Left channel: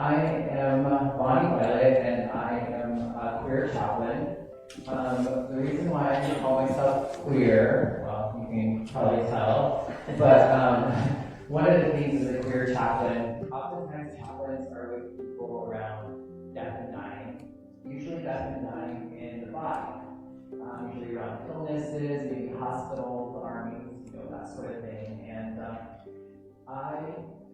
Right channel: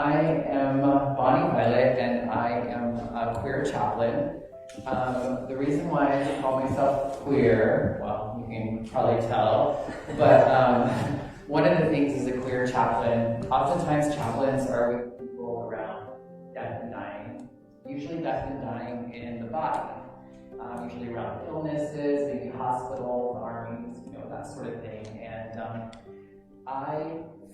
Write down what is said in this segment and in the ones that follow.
I am Bonnie Violet, and I am a queer chaplain. The reason why I call myself queer, well, you can probably tell, but one of the things as a queer chaplain, oftentimes chaplains are with people around death and dying, usually death and dying in the body, usually around illnesses, maybe hospitals, armies, that sort of thing. And I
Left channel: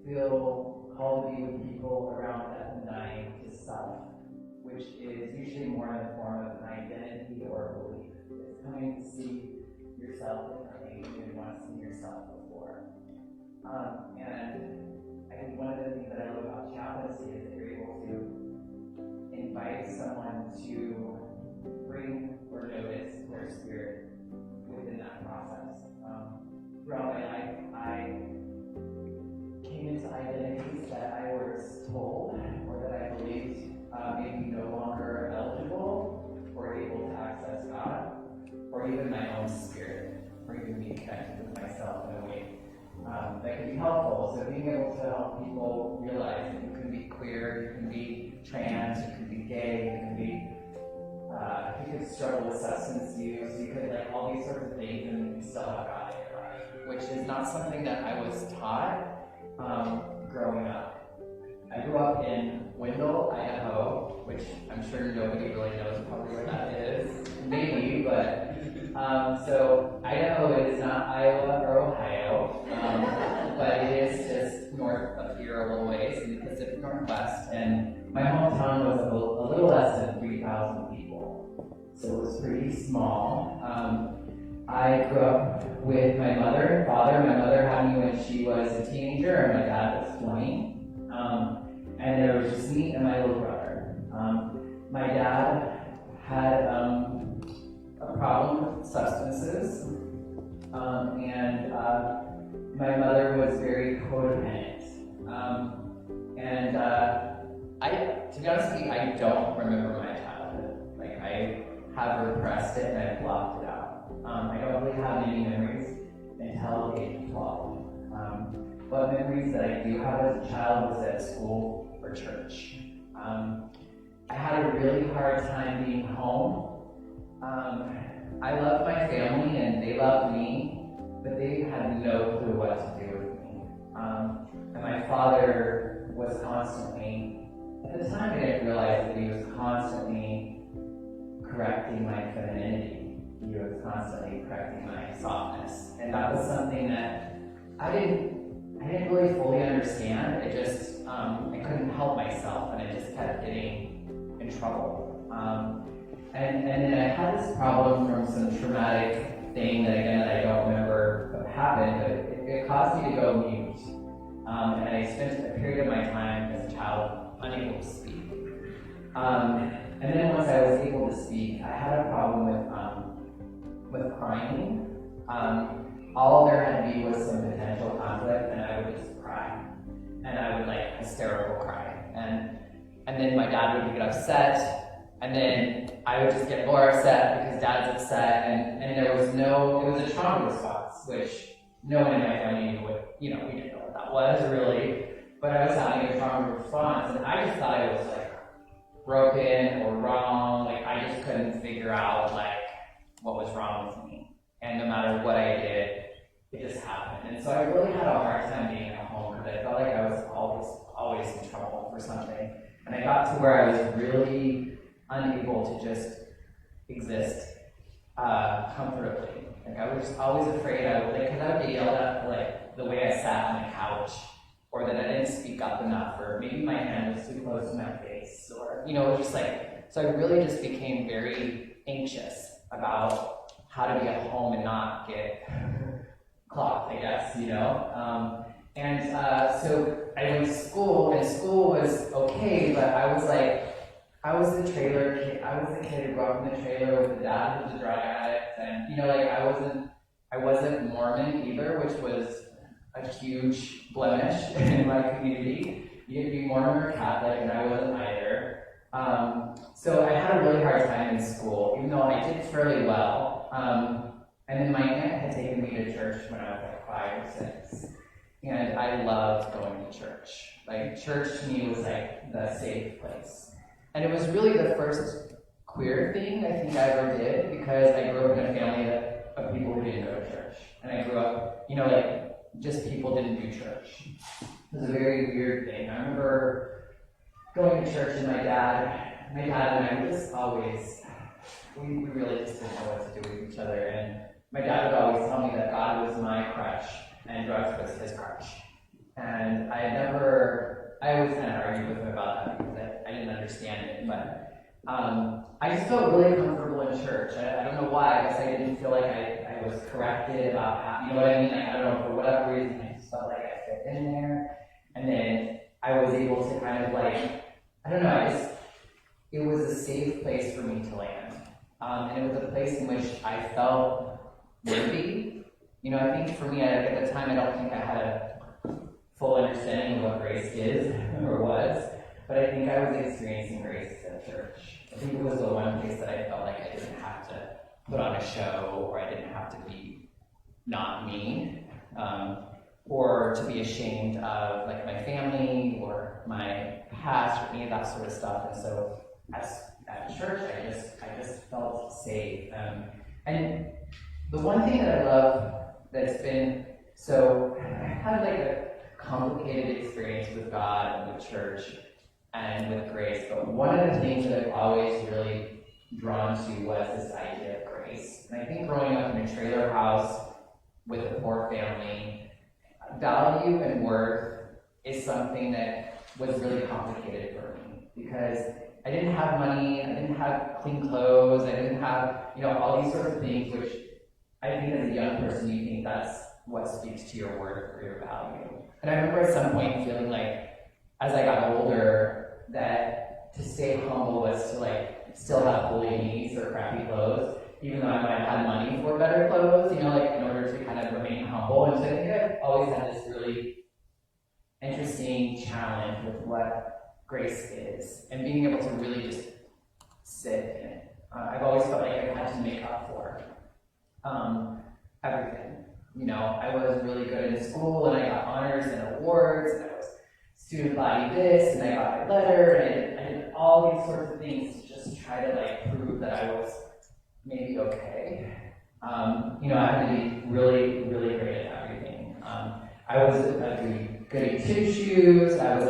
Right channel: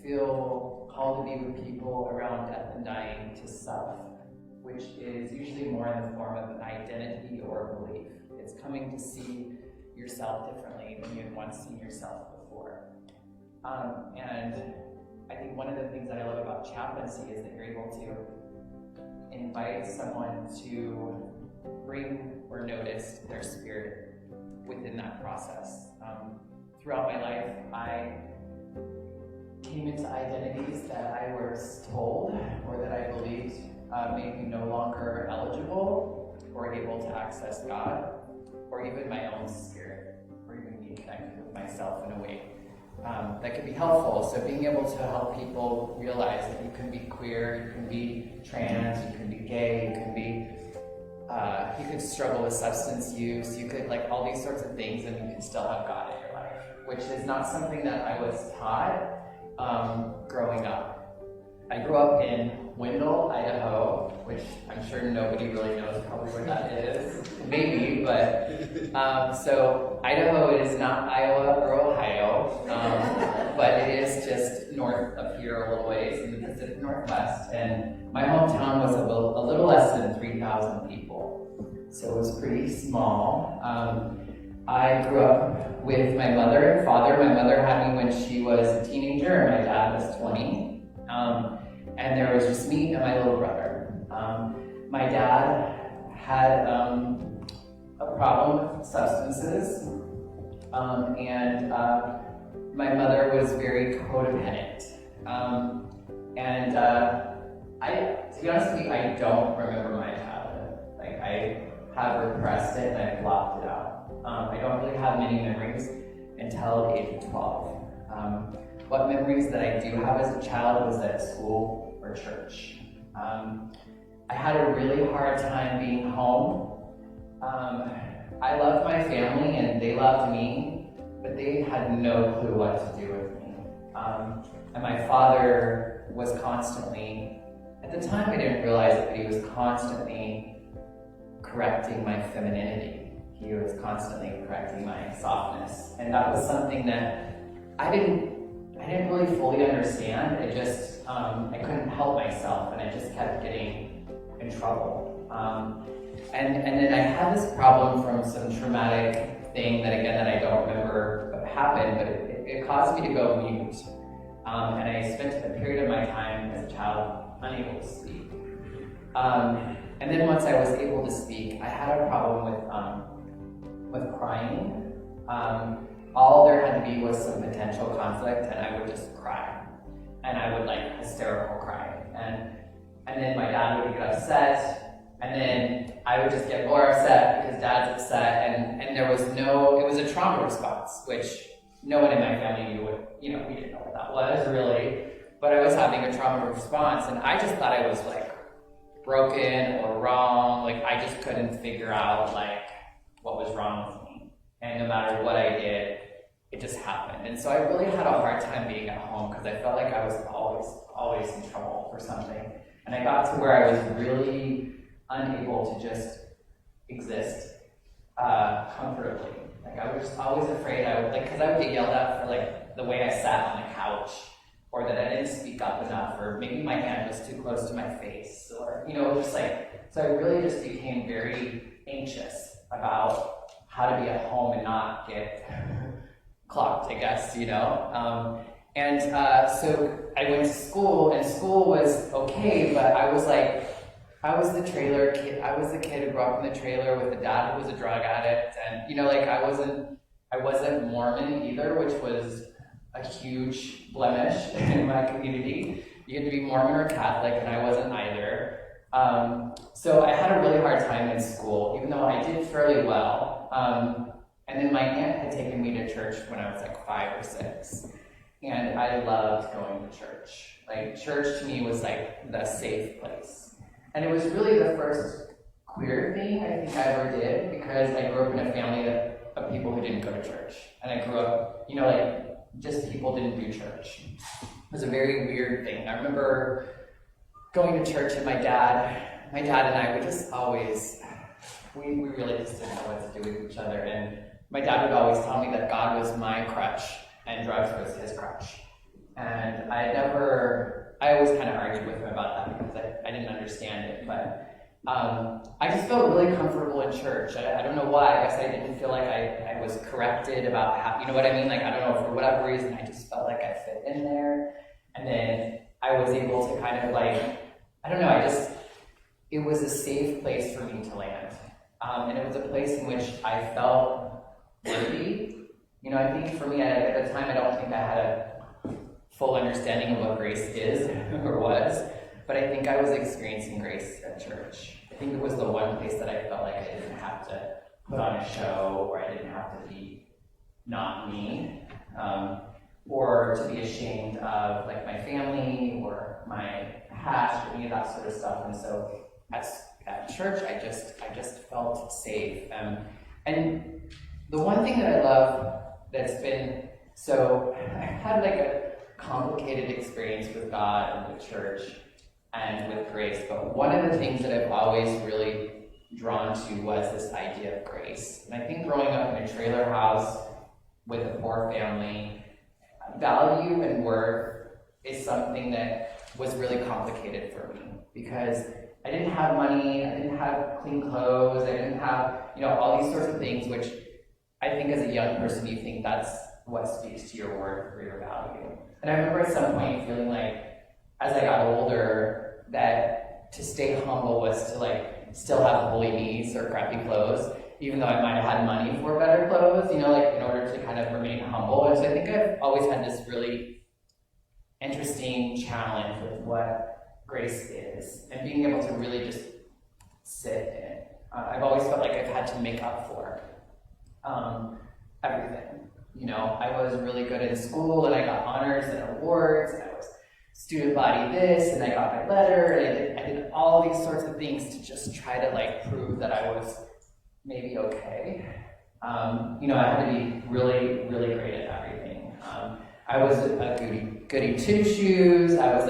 feel called to be with people around death and dying to self, which is usually more in the form of an identity or a belief. It's coming to see yourself differently than you had once seen yourself before. And I think one of the things that I love about chaplaincy is that you're able to invite someone to bring or notice their spirit within that process. Throughout my life, I came into identities that I was told or that I believed made me no longer eligible or able to access God, or even my own spirit, or even being connected with myself in a way that could be helpful. So being able to help people realize that you can be queer, you can be trans, you can be gay, you can be you could struggle with substance use, you could like all these sorts of things, and you can still have God in your life, which is not something that I was taught growing up. I grew up in Wendell, Idaho, which I'm sure nobody really knows probably where that is, maybe, but so Idaho is not Iowa or Ohio, but it is just north of here a little ways in the Pacific Northwest, and my hometown was a little less than 3,000 people, so it was pretty small. I grew up with my mother and father. My mother had me when she was a teenager, and my dad was 20. And there was just me and my little brother. My dad had a problem with substances, and my mother was very codependent. To be honest with you, I don't remember my childhood. Like, I have repressed it and I've blocked it out. I don't really have many memories until the age of 12. What memories that I do have as a child was at school or church. I had a really hard time being home. I loved my family and they loved me, but they had no clue what to do with me. And my father was constantly, at the time I didn't realize it, but he was constantly correcting my femininity. He was constantly correcting my softness. And that was something that I didn't really fully understand. It just, I couldn't help myself, and I just kept getting in trouble. And then I had this problem from some traumatic thing that I don't remember what happened, but it caused me to go mute. And I spent a period of my time as a child unable to speak. And then once I was able to speak, I had a problem with crying. All there had to be was some potential conflict, and I would just cry. And I would like hysterical cry. And then my dad would get upset, and then I would just get more upset because dad's upset, and there was it was a trauma response, which no one in my family knew what, we didn't know what that was really, but I was having a trauma response, and I just thought I was like broken or wrong, like I just couldn't figure out like what was wrong with me. And no matter what I did, it just happened. And so I really had a hard time being at home because I felt like I was always in trouble for something. And I got to where I was really unable to just exist comfortably. Like I was always afraid because I would get yelled at for like the way I sat on the couch, or that I didn't speak up enough, or maybe my hand was too close to my face, or just like, so I really just became very anxious about how to be at home and not get clocked, I guess, So I went to school, and school was okay, but I was the trailer kid. I was the kid who grew up in the trailer with a dad who was a drug addict, and I wasn't Mormon either, which was a huge blemish in my community. You had to be Mormon or Catholic, and I wasn't either. So I had a really hard time in school, even though I did fairly well. And then my aunt had taken me to church when I was like 5 or 6. And I loved going to church. Like, church to me was like the safe place. And it was really the first queer thing I think I ever did, because I grew up in a family of people who didn't go to church. And I grew up, just people didn't do church. It was a very weird thing. I remember going to church, and my dad and I would just always, we really just didn't know what to do with each other. And my dad would always tell me that God was my crutch and drugs was his crutch. And I always kind of argued with him about that because I didn't understand it. But I just felt really comfortable in church. I don't know why. I guess I didn't feel like I was corrected about how, you know what I mean? Like, I don't know, for whatever reason, I just felt like I fit in there. And then I was able to kind of it was a safe place for me to land. And it was a place in which I felt worthy. I think for me, at the time, I don't think I had a full understanding of what grace is or was, but I think I was experiencing grace at church. I think it was the one place that I felt like I didn't have to put on a show, or I didn't have to be not me, or to be ashamed of like my family or my past or any of that sort of stuff. And so at church, I just felt safe. And the one thing that I love that's been, so I had like a complicated experience with God and with church and with grace, but one of the things that I've always really drawn to was this idea of grace. And I think growing up in a trailer house with a poor family, value and worth is something that was really complicated for me, because I didn't have money, I didn't have clean clothes, I didn't have, all these sorts of things, which I think as a young person, you think that's what speaks to your worth or your value. And I remember at some point feeling like, as I got older, that to stay humble was to still have woolly knees or crappy clothes, even though I might have had money for better clothes, in order to kind of remain humble. And so I think I've always had this really interesting challenge with what grace is and being able to really just sit in it. I've always felt like I've had to make up for everything. I was really good in school, and I got honors and awards, and I was student body this, and I got my letter, and I did all these sorts of things to just try to prove that I was maybe okay. I had to be really, really great at everything. I was a goody two-shoes. I was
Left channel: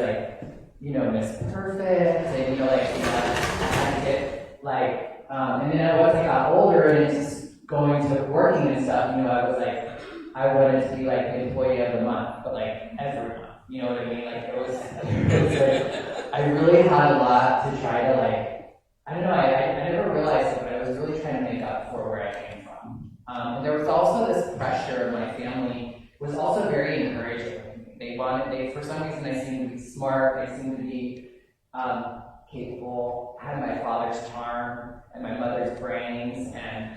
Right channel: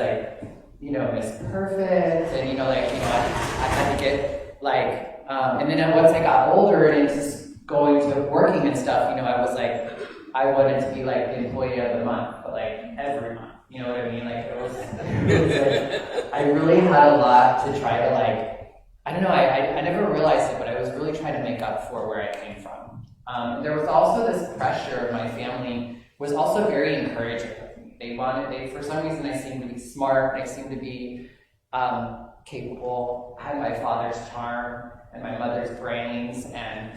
Miss Perfect, and I had to get and then once I got older and just going to working and stuff, I was I wanted to be the employee of the month, but every month, you know what I mean? It was I really had a lot to try to I don't know, I never realized it, but I was really trying to make up for where I came from. There was also this pressure. My family was also very encouraging of me. They for some reason, I seemed to be smart, I seemed to be capable, had my father's charm and my mother's brains, and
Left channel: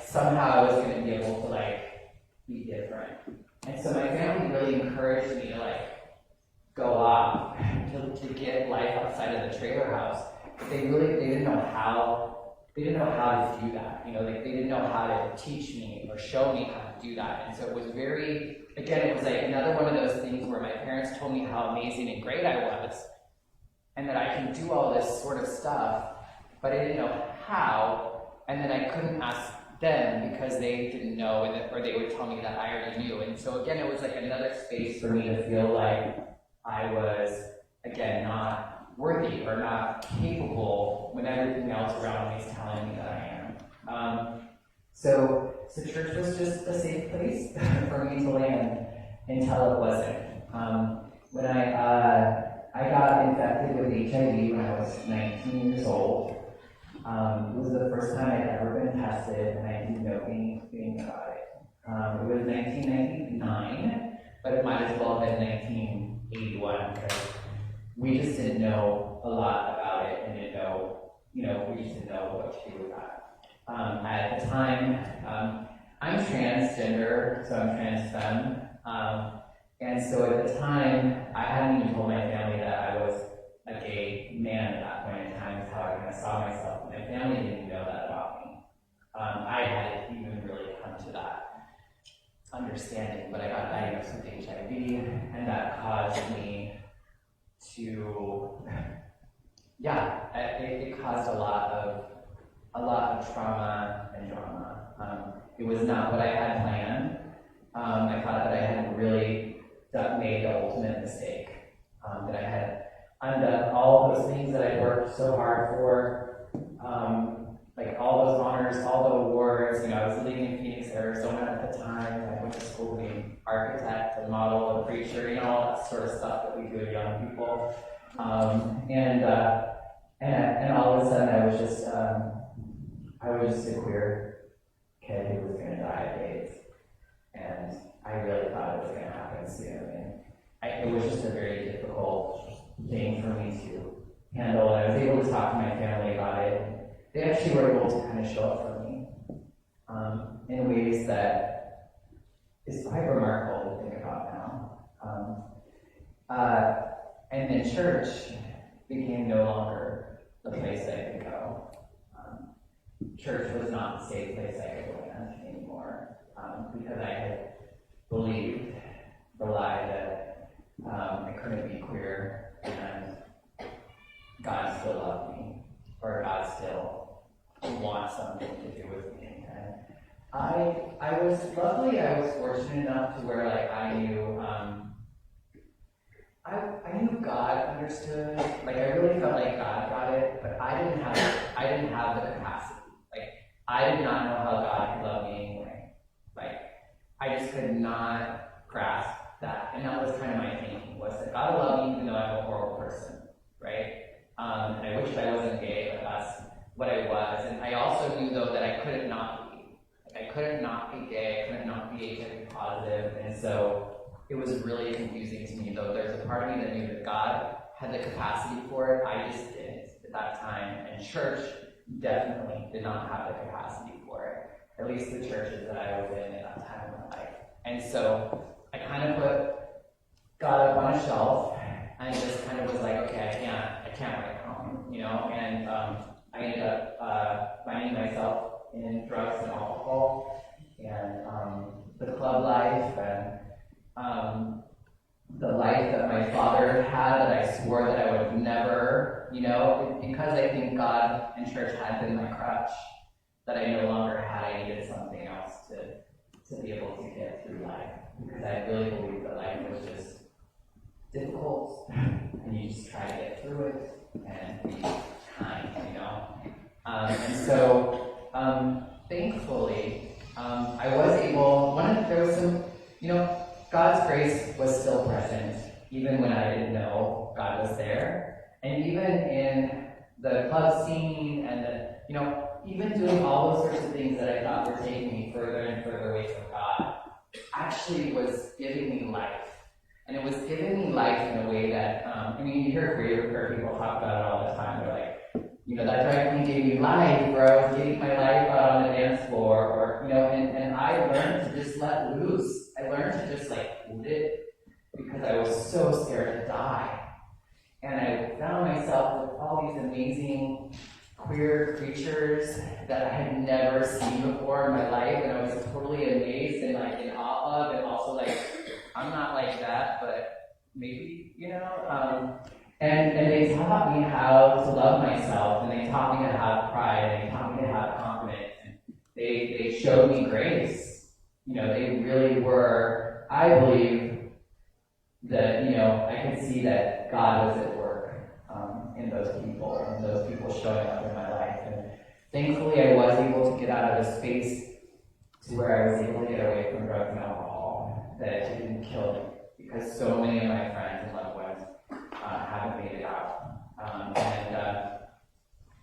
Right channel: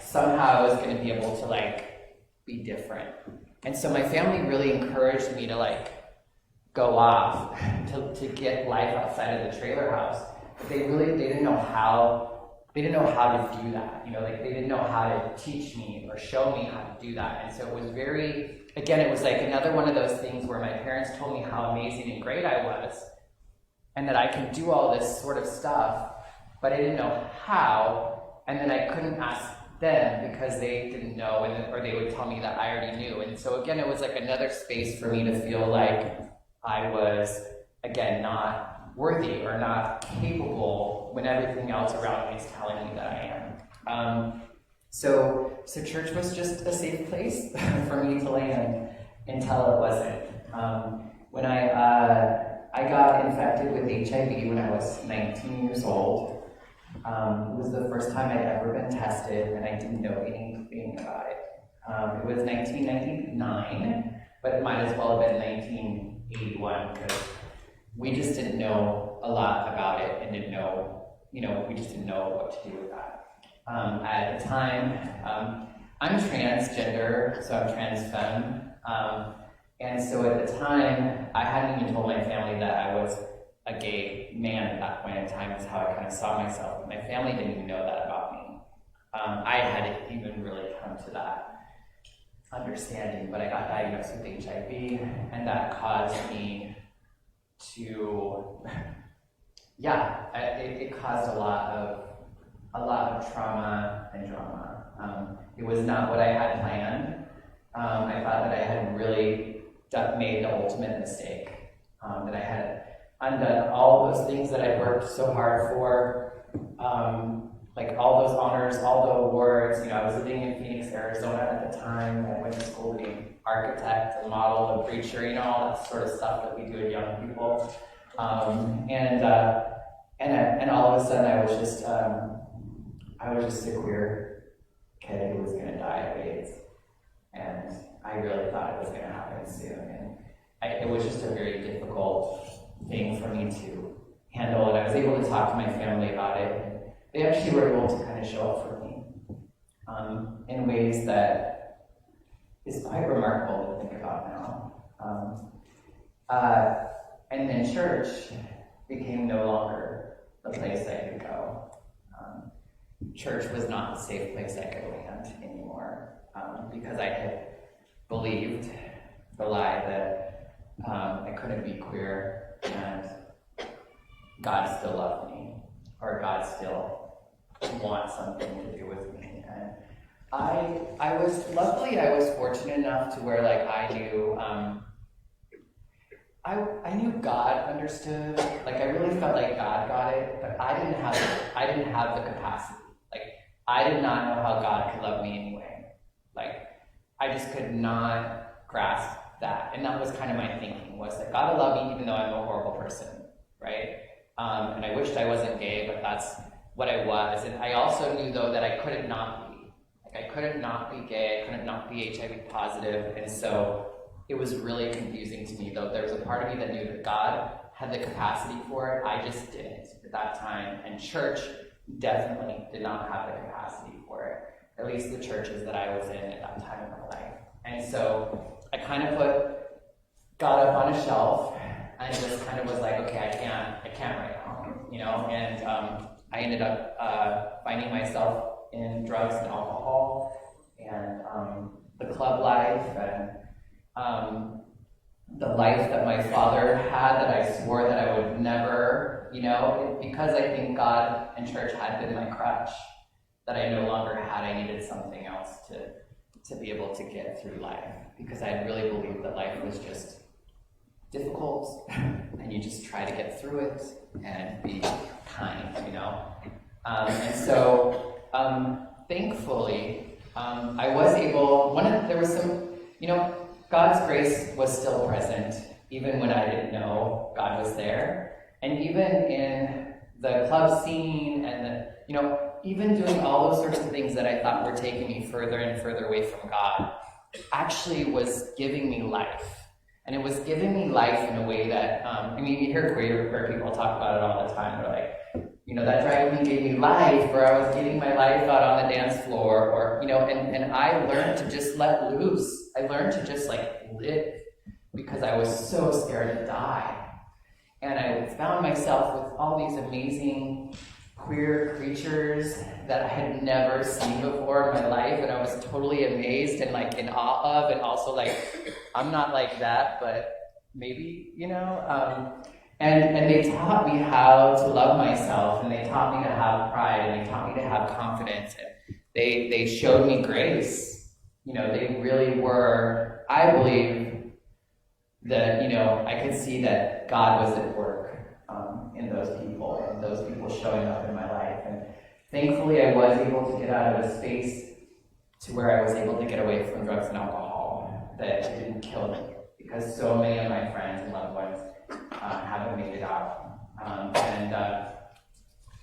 somehow I was going to be able to be different. And so my family really encouraged me to go off to get life outside of the trailer house. But they didn't know how to do that. They didn't know how to teach me or show me how to do that. And so it was it was another one of those things where my parents told me how amazing and great I was, and that I can do all this sort of stuff, but I didn't know how, and then I couldn't ask them because they didn't know, or they would tell me that I already knew. And so again, it was another space for me to feel like I was, again, not worthy or not capable when everything else around me is telling me that I am. So church was just a safe place for me to land until it wasn't. When I got infected with HIV when I was 19 years old. It was the first time I'd ever been tested, and I didn't know anything about it. It was 1999, but it might as well have been 1981, because we just didn't know a lot about it and didn't know, we just didn't know what to do with that. At the time, I'm transgender, so I'm trans femme, and so at the time, I hadn't even told my family that I was a gay man at that point in time, is how I kind of saw myself. My family didn't even know that about me. I hadn't even really come to that understanding, but I got diagnosed with HIV, and that caused me to, it caused a lot of trauma and drama. It was not what I had planned. I thought that I had really made the ultimate mistake, that I had undone all those things that I'd worked so hard for, like all those honors, all the awards. You know, I was living in Phoenix, Arizona at the time. I went to school to be an architect, a model, a preacher, you know, all that sort of stuff that we do with young people. And all of a sudden I was just a queer kid who was going to die of AIDS. And I really thought it was going to happen soon. And it was just a very difficult thing for me to handle. And I was able to talk to my family about it. And they actually were able to kind of show up for me in ways that is quite remarkable to think about now. And then church became no longer the place I could go. Church was not the safe place I could land anymore, because I had believed the lie that I couldn't be queer and God still loved me, or God still wants something to do with me. And I was fortunate enough to where like I knew God understood. Like I really felt like God got it, but I didn't have the capacity. Like I did not know how God could love me anyway. Like I just could not grasp that. And that was kind of my thinking, was that God will love me even though I'm a horrible person, right? And I wished I wasn't gay, but that's what I was. And I also knew though that I couldn't not be. Like I couldn't not be gay, I couldn't not be HIV positive. And so it was really confusing to me though. There was a part of me that knew that God had the capacity for it. I just didn't at that time. And church definitely did not have the capacity for it. At least the churches that I was in at that time of my life. And so I kind of put God up on a shelf and just kind of was like, okay, I can't right now, you know? And I ended up finding myself in drugs and alcohol and the club life and the life that my father had that I swore that I would never, you know, because I think God and church had been my crutch that I no longer had. I needed something else to be able to get through life, because I really believed that life was just difficult and you just try to get through it and be kind, you know. And so thankfully I was able, there was some, you know, God's grace was still present even when I didn't know God was there. And even in the club scene and the, you know, even doing all those sorts of things that I thought were taking me further and further away from God, actually was giving me life. And it was giving me life in a way that, I mean, you hear queer people talk about it all the time. They're like, you know, that drag queen gave me life, or I was getting my life out on the dance floor, or, you know, and I learned to just let loose. I learned to just like live, because I was so scared to die. And I found myself with all these amazing queer creatures that I had never seen before in my life, and I was totally amazed and like in awe of, and also like, I'm not like that, but maybe, you know? And they taught me how to love myself, and they taught me to have pride, and they taught me to have confidence, and they showed me grace. You know, they really were, I believe that, you know, I could see that God was at work in those people, and those people showing up in my life. And thankfully I was able to get out of a space to where I was able to get away from drugs and alcohol, that it didn't kill me, because so many of my friends and loved ones haven't made it out.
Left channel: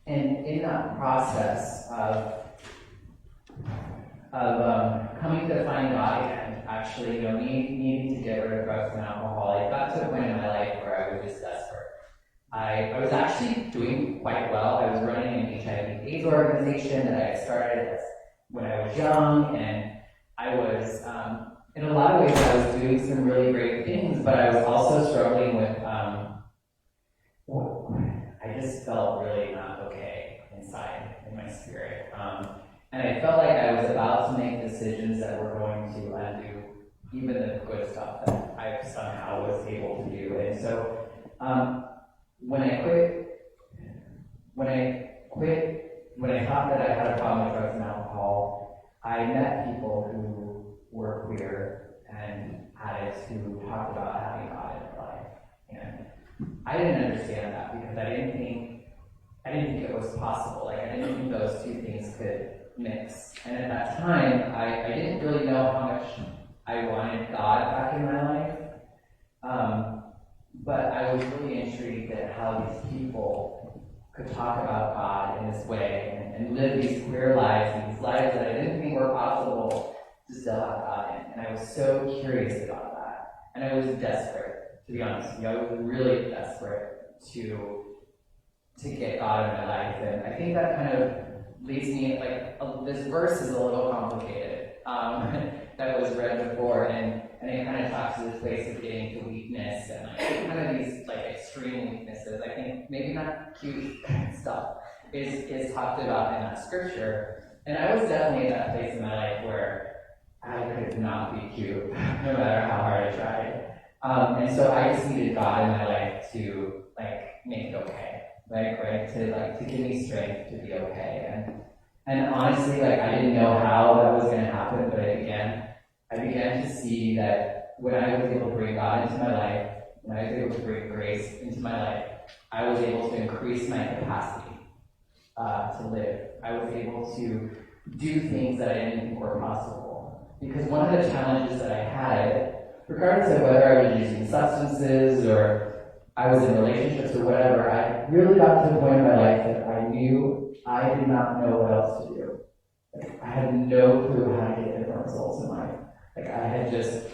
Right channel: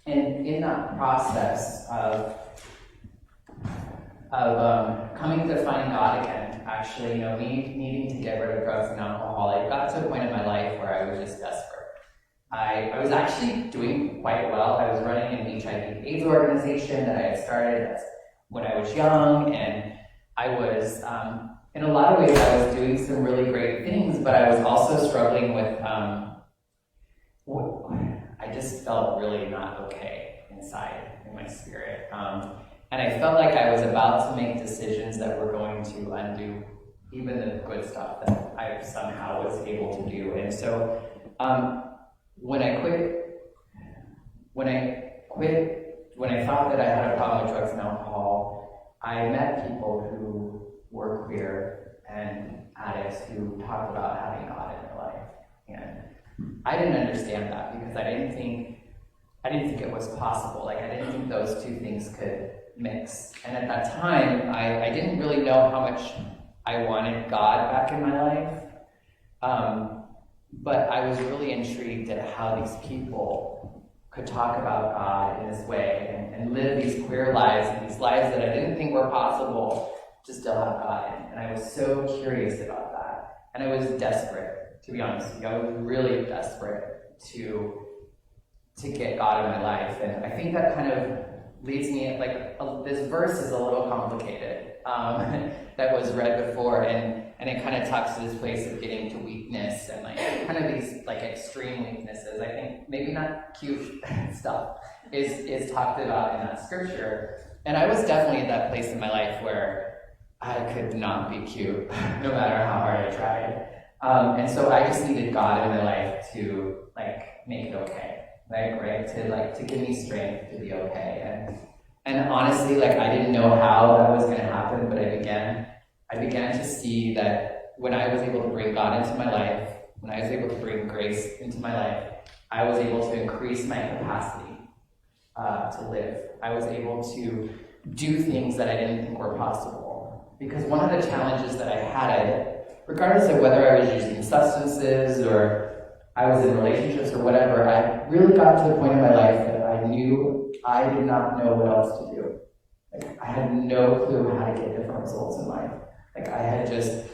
And in that process of coming to find God again, actually, you know, needing to get rid of drugs and alcohol, it got to a point in my life where I was just desperate. I was actually doing quite well. I was running an HIV AIDS organization that I had started when I was young, and I was, in a lot of ways, I was doing some really great things, but I was also struggling with, I just felt really not okay inside, in my spirit. And And I felt like I was about to make decisions that were going to undo even the good stuff that I somehow was able to do. And so when I thought that I had a problem with drugs and alcohol, I met people who were queer and addicts who talked about having God in their life. And I didn't understand that because I didn't think it was possible. Like, I didn't think those two things could mix. And at that time, I didn't really know how much I wanted God back in my life. But I was really intrigued at how these people could talk about God in this way and live these queer lives, and these lives that I didn't think were possible to still have God in. And I was so curious about that. And I was desperate, to be honest. I was really desperate to get God in my life. And I think that kind of leads me, this verse is a little complicated, that was read before, and it kind of talks to this place of getting to weakness and kind of these extreme weaknesses. I think maybe not cute stuff is talked about in that scripture. And I was definitely at that place in my life where I could not be cute, no matter how hard I tried. And so I just needed God in my life to make it okay, right? To give me strength to be okay. And honestly, I didn't know how that was going to happen, but I began to see that when I was able to bring God into my life, when I was able to bring grace into my life, I was able to increase my capacity to live. I was able to do things that I didn't think were possible. Because one of the challenges that I had, regardless of whether I was using substances or I was in relationships or whatever, I really got to the point in my life that I knew I did not know what else to do. I had no clue how to get different results in life. I had just,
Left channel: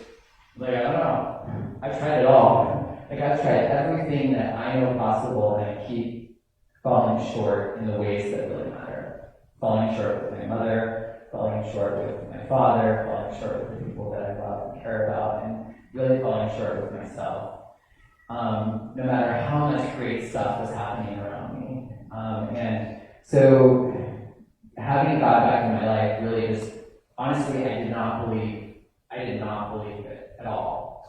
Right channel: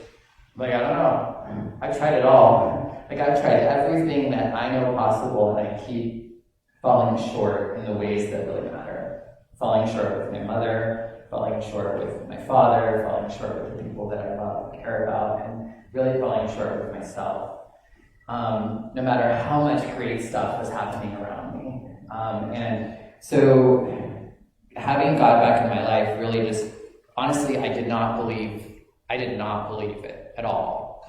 I don't know. I've tried it all. I've tried everything that I know possible, and I keep falling short in the ways that really matter. Falling short with my mother, falling short with my father, falling short with the people that I love and care about, and really falling short with myself. No matter how much great stuff was happening around me. And so having God back in my life really just, honestly, I did not believe it at all.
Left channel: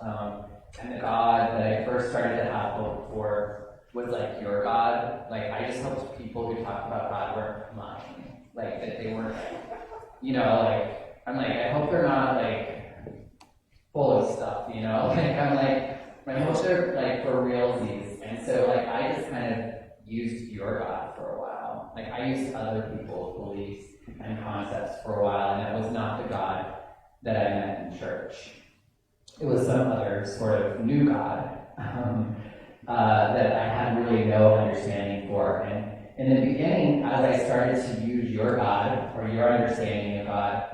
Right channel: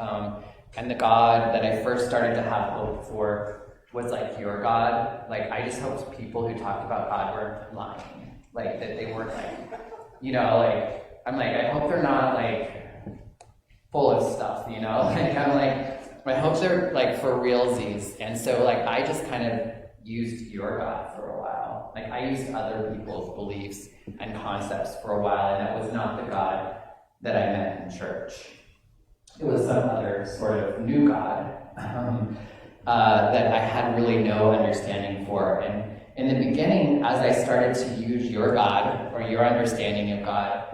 And the God that I first started to have hope for was your God. I just hoped people who talked about God weren't lying. That they weren't I'm I hope they're not full of stuff, my hopes are for realsies. And so I just kind of used your God for a while. I used other people's beliefs and concepts for a while, and that was not the God that I met in church. It was some other sort of new God that I had really no understanding for. And in the beginning, as I started to use your God, or your understanding of God,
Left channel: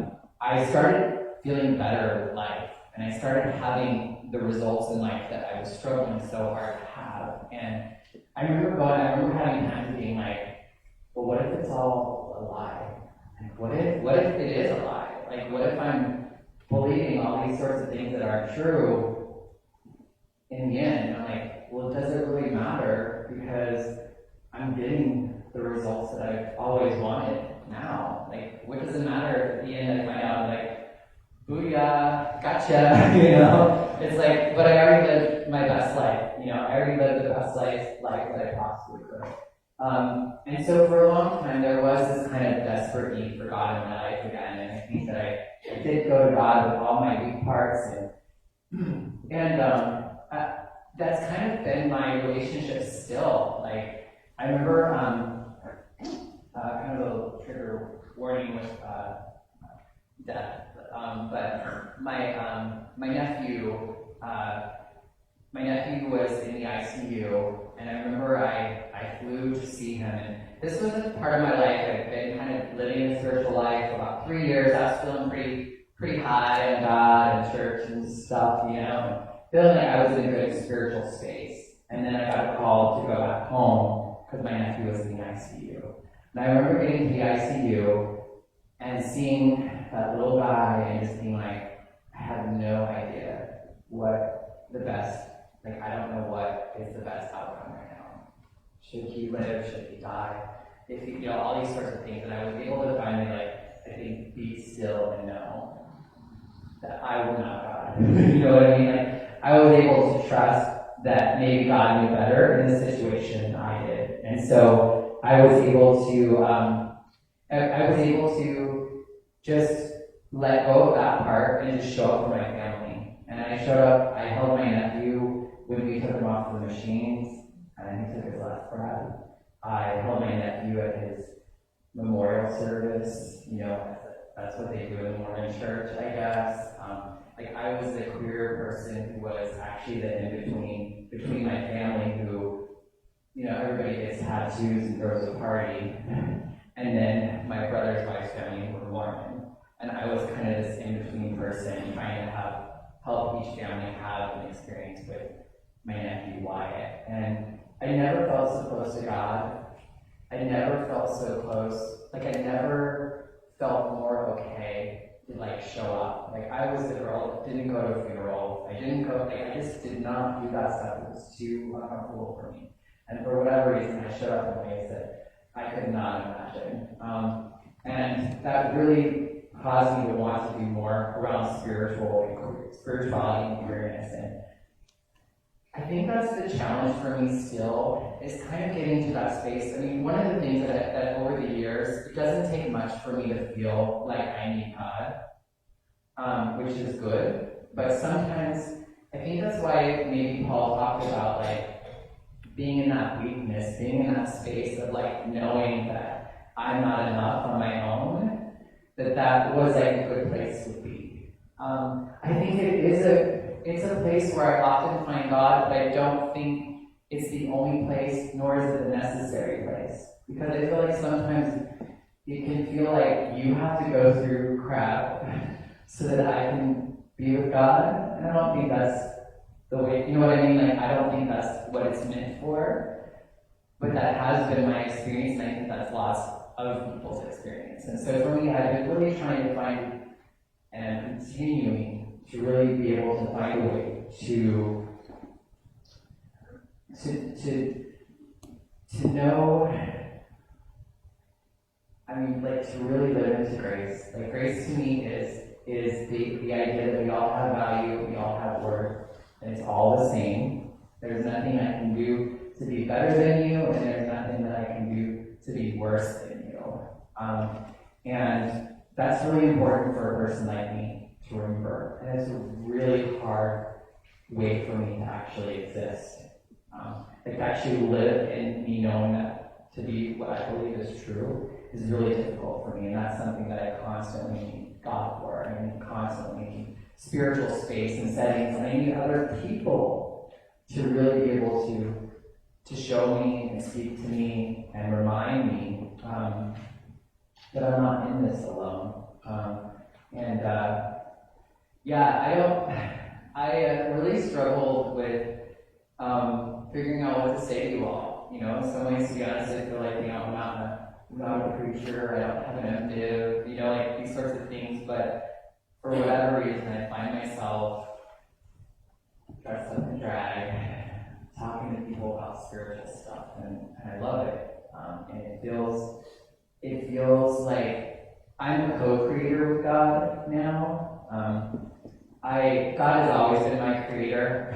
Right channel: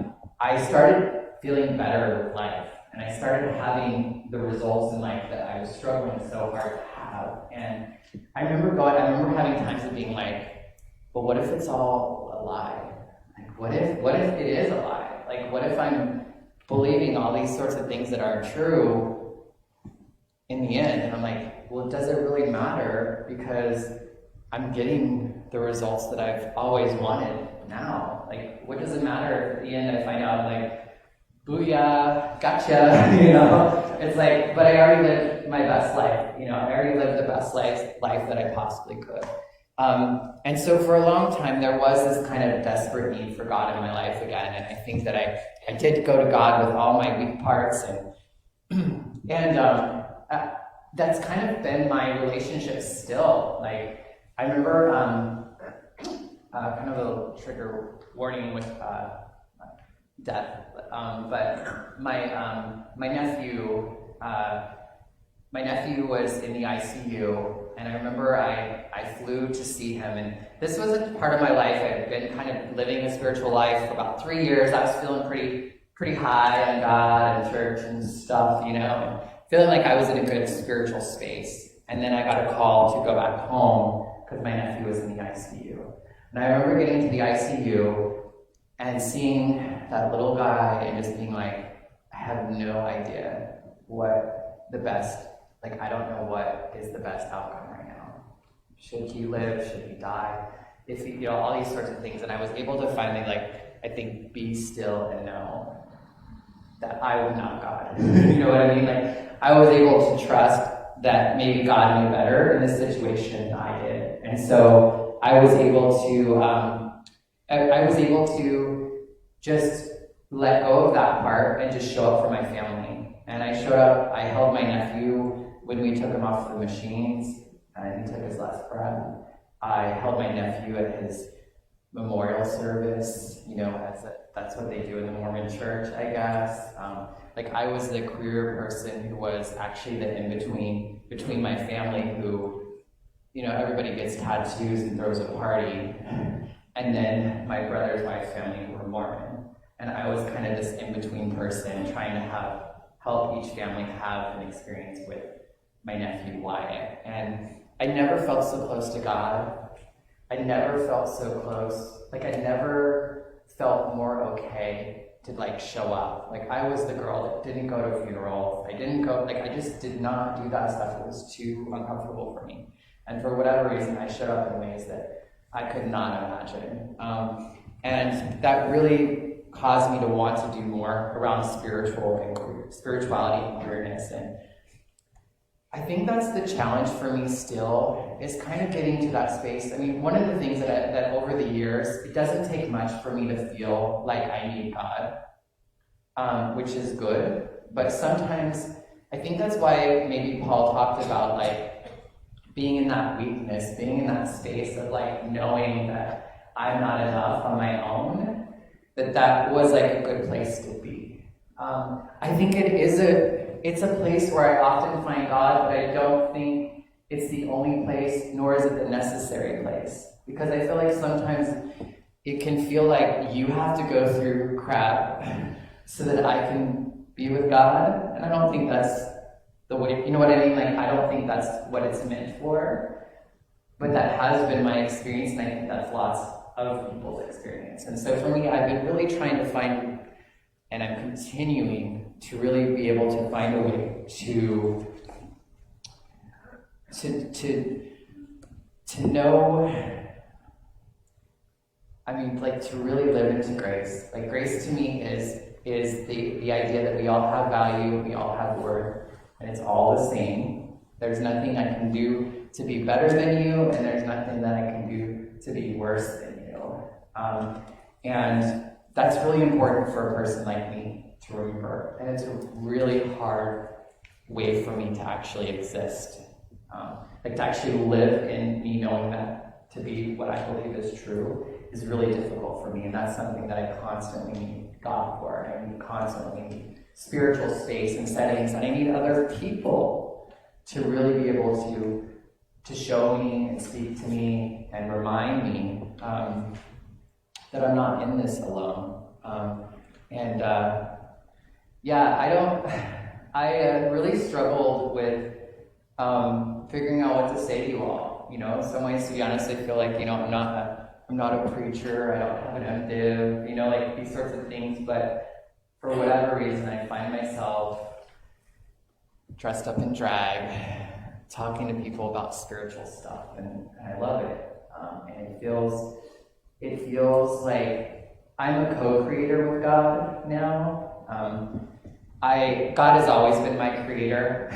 I started feeling better with life. And I started having the results in life that I was struggling so hard to have. And I remember having times of being well, what if it's all a lie? What if it is a lie? What if I'm believing all these sorts of things that are true in the end? And I'm well, does it really matter? Because I'm getting the results that I've always wanted now. What does it matter if at the end I find out, booyah, gotcha, It's but I already lived my best life, I already lived the best life that I possibly could. And so for a long time, there was this kind of desperate need for God in my life again, and I think that I did go to God with all my weak parts, and that's kind of been my relationship still. I remember, kind of a little trigger warning with death, but my nephew was in the ICU, and I remember I flew to see him, and this wasn't part of my life. I'd been kind of living a spiritual life for about 3 years. I was feeling pretty high on God and church and stuff, and feeling I was in a good spiritual space. And then I got a call to go back home because my nephew was in the ICU. And I remember getting to the ICU and seeing that little guy and just being I have no idea what the best, I don't know what is the best outcome right now. Should he live? Should he die? If he, all these sorts of things. And I was able to finally I think, be still and know that I am not God. You know what I mean? Like, I was able to trust that maybe God knew better in this situation than I did. And so I was able to just let go of that part and just show up for my family. And I showed up, I held my nephew when we took him off the machines, and he took his last breath. I held my nephew at his memorial service, that's what they do in the Mormon church, I guess. I was the queer person who was actually the in-between between my family who, everybody gets tattoos and throws a party, and then my brother's wife's family who were Mormon. And I was kind of this in-between person trying to help each family have an experience with my nephew Wyatt. And I never felt so close to God. I never felt so close. I never felt more okay to show up. I was the girl that didn't go to funerals. I didn't go, I just did not do that stuff. It was too uncomfortable for me. And for whatever reason, I showed up in ways that I could not imagine. And that really caused me to want to do more around spirituality and queerness. And I think that's the challenge for me still, is kind of getting to that space. I mean, one of the things that over the years, it doesn't take much for me to feel like I need God, which is good. But sometimes, I think that's why maybe Paul talked about being in that weakness, being in that space of knowing that I'm not enough on my own, that was a good place to be. I think it's a place where I often find God, but I don't think it's the only place, nor is it the necessary place. Because I feel like sometimes it can feel like you have to go through crap so that I can be with God. And I don't think that's the way, you know what I mean? I don't think that's what it's meant for. But that has been my experience, and I think that's lots of people's experience. And so for me, I've been really trying to find, and I'm continuing to really be able to find a way to know, to really live into grace. Grace to me is the idea that we all have value, we all have worth, and it's all the same. There's nothing I can do to be better than you, and there's nothing that I can do to be worse than you. And that's really important for a person like me to remember. And it's a really hard way for me to actually exist. To actually live in me knowing that to be what I believe is true is really difficult for me. And that's something that I constantly need God for. I constantly need spiritual space and settings. And I need other people to really be able to show me and speak to me and remind me that I'm not in this alone. I really struggled with figuring out what to say to you all. In some ways, to be honest, I feel like, I'm not a preacher, I don't have an MDiv, these sorts of things, but for whatever reason, I find myself dressed up in drag, talking to people about spiritual stuff, and I love it. And it feels like I'm a co-creator with God now. God has always been my creator,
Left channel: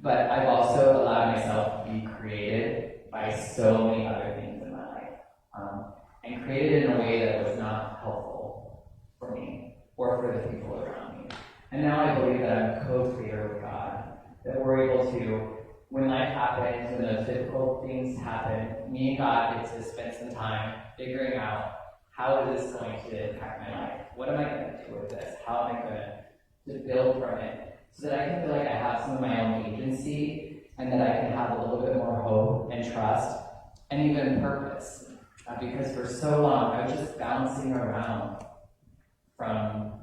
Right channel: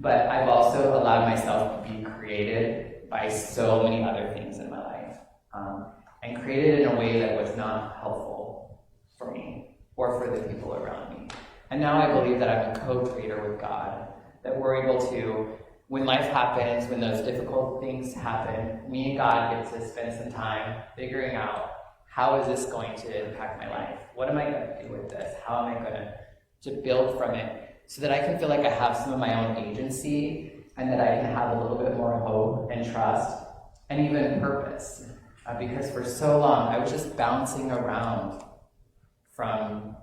but I've also allowed myself to be created by so many other things in my life, and created in a way that was not helpful for me or for the people around me. And now I believe that I'm a co-creator with God, that we're able to, when life happens, when those difficult things happen, me and God get to spend some time figuring out, how is this going to impact my life? What am I going to do with this? How am I going to build from it so that I can feel like I have some of my own agency and that I can have a little bit more hope and trust and even purpose. Because for so long, I was just bouncing around from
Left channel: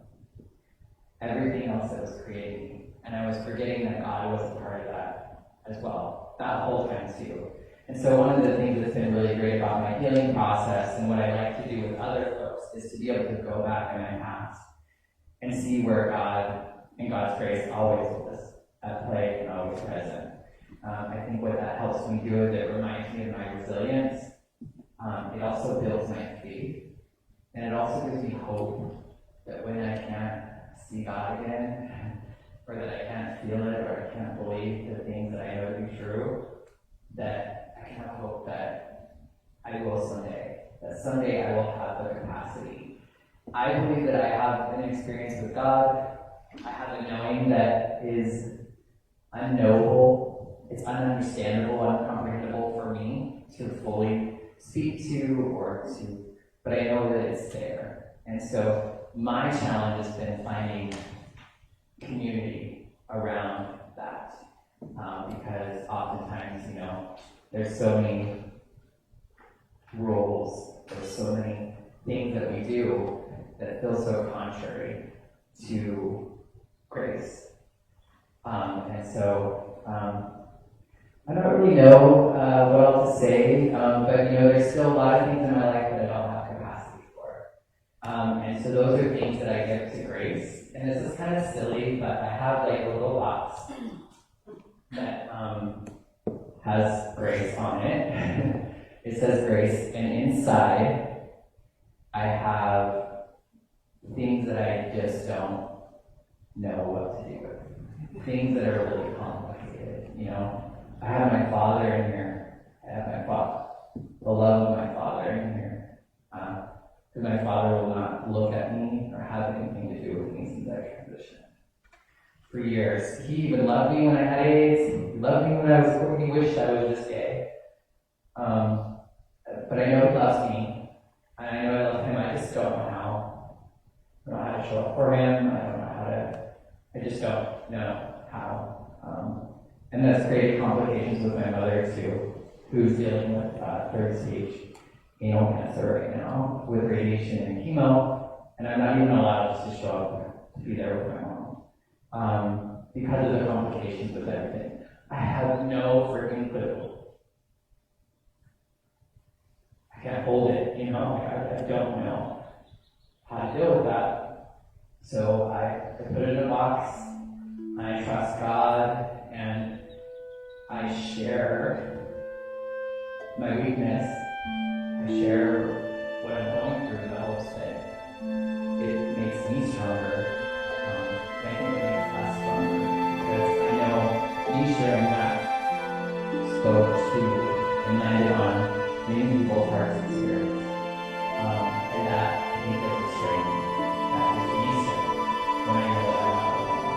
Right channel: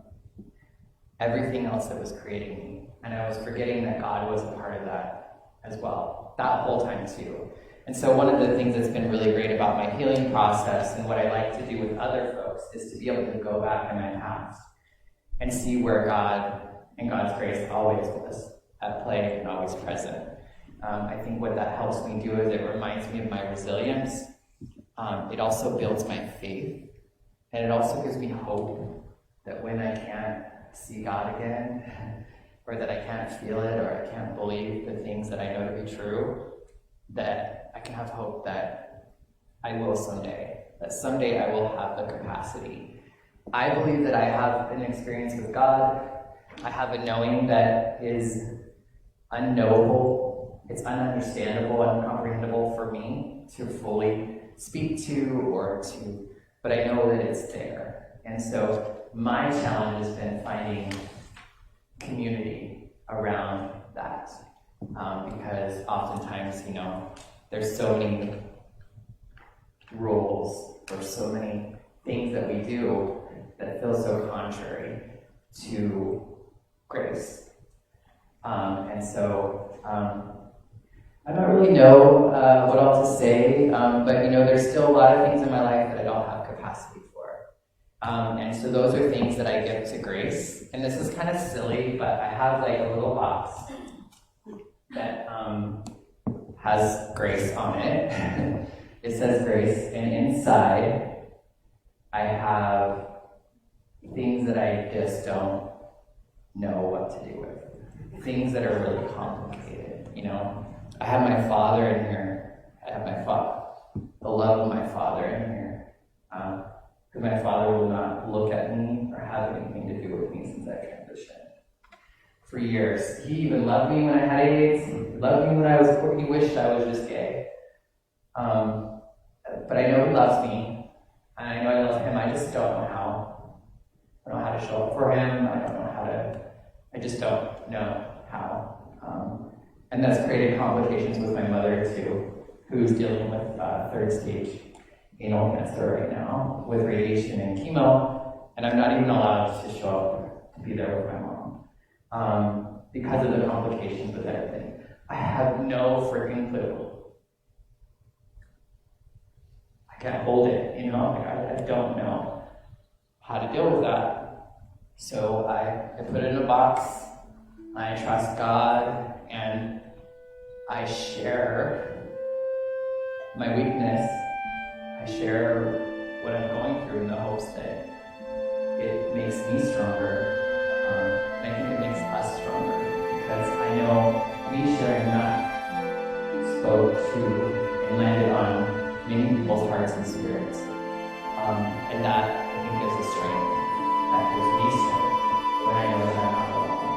everything else that was creating me. And I was forgetting that God was a part of that as well, that whole time too. And so one of the things that's been really great about my healing process and what I like to do with other folks is to be able to go back in my past and see where God and God's grace always was at play and always present. I think what that helps me do is it reminds me of my resilience. It also builds my faith. And it also gives me hope that when I can't see God again, or that I can't feel it, or I can't believe the things that I know to be true, that I can have hope that I will someday, that someday I will have the capacity. I believe that I have an experience with God. I have a knowing that is unknowable, it's ununderstandable, uncomprehendable for me to fully speak to, but I know that it's there. And so my challenge has been finding community around that, because oftentimes, there's so many rules, there's so many things that we do that feel so contrary to grace. And so I don't really know what else to say, but there's still a lot of things in my life that I don't have capacity for. And so those are things that I give to grace. And this is kind of silly, but I have like a little box that has grace on it. It says grace, and inside I have things that I just don't know what to do with. Things that are really complicated, I have my father in here. I have the love of my father in here. Because my father will not look at me or have anything to do with me since I transitioned. For years. He even loved me when I had AIDS. He loved me when he wished I was just gay. But I know he loves me. And I know I love him. I just don't know how. I don't know how to show up for him. I just don't know how. And that's created complications with my mother too, who's dealing with third stage anal cancer right now with radiation and chemo, and I'm not even allowed to show up to be there with my mom because of the complications with everything. I have no freaking clue. I can't hold it, I don't know how to deal with that. So I put it in a box. I trust God, and I share my weakness. I share what I'm going through in the hopes that it makes me stronger. I think it makes us stronger, because I know me sharing that spoke to and landed on many people's hearts and spirits. And that, I think, is a strength that gives me strength when I know that I'm not alone.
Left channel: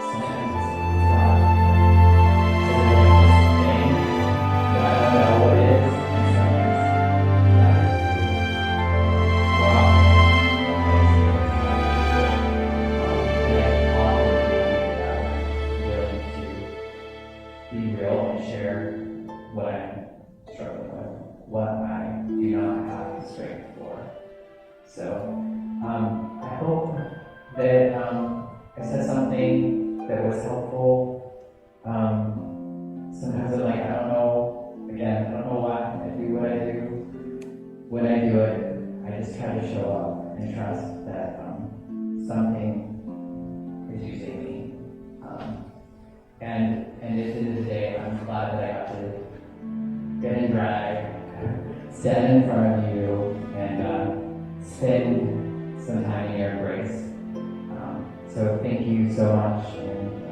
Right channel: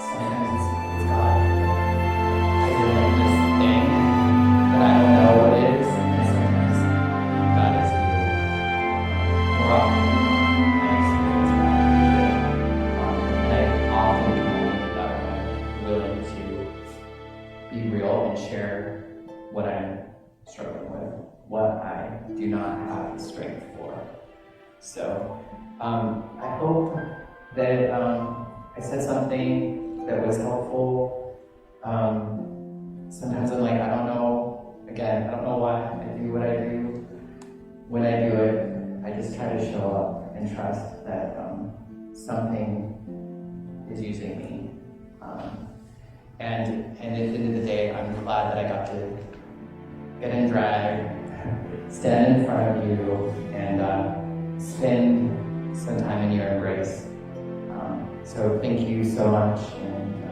Sometimes it's God. Because I know this thing that I don't know what it is, and sometimes God is good. More often than not, I experience God. And I often know that I'm willing to be real and share what I'm struggling with, what I do not have the strength for. So, I hope that I said something that was helpful. Sometimes I'm like, I don't know why I do what I do. When I do it, I just try to show up and trust that something is using me. And at the end of the day, I'm glad that I got to get in drag, stand in front of you, and spend some time in your embrace. So thank you so much, and